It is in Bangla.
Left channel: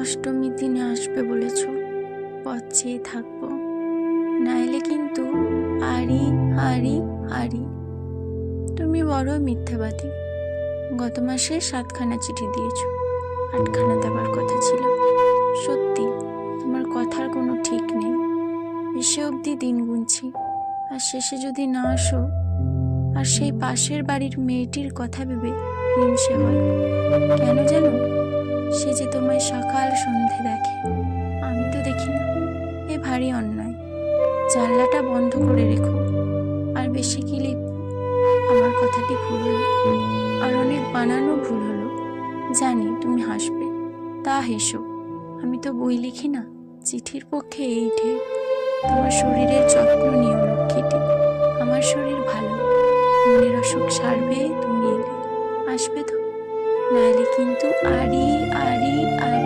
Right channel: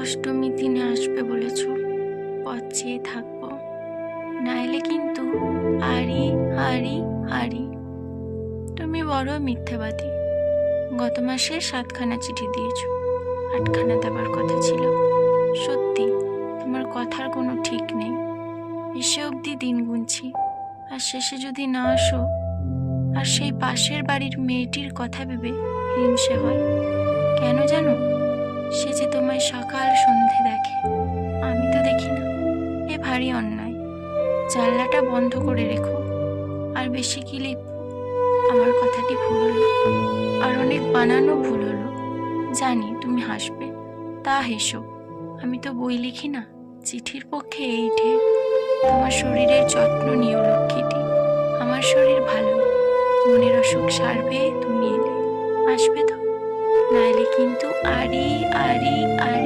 অষ্টমীর দিনে আসবে বলেছ, পথ চেয়ে থাকবো, নাইলে কিন্তু আরি আরি আরি। তুমি বড় মিথ্যাবাদী। গত মাসে 7খানা চিঠি দিয়েছ, 8খানা দেবার কথা ছিল। সত্যি তোমার কথার কোনো ঠিক নেই। এসে অবধি দিন গুনছি, আর শেষে যদি না আসো, আর সেই পাশের বাড়ির মেয়েটির কথা ভেবে হিংসে হয়। কেন জানো? সে যে তোমায় সকাল সন্ধে দেখে, আমি তো দেখি না। এ ভারী অন্যায়। জানলাটা বন্ধ করে রেখো। আর বেশি কি লিখব? আমার কথাটি ভুল হলো, আর অনেক বানানো ভুল হলো। জানি তুমি হাসবে, তা হেসো। আমি তো বই লিখি না, চিঠির পক্ষে এই ঢের। তোমার শরীরের যত্ন নিও লক্ষ্মীটি। আমার শরীর ভালো, মনের অসুখ সারবে তুমি এলে। আসবে তো? নাইলে কিন্তু আরি আরি আরি।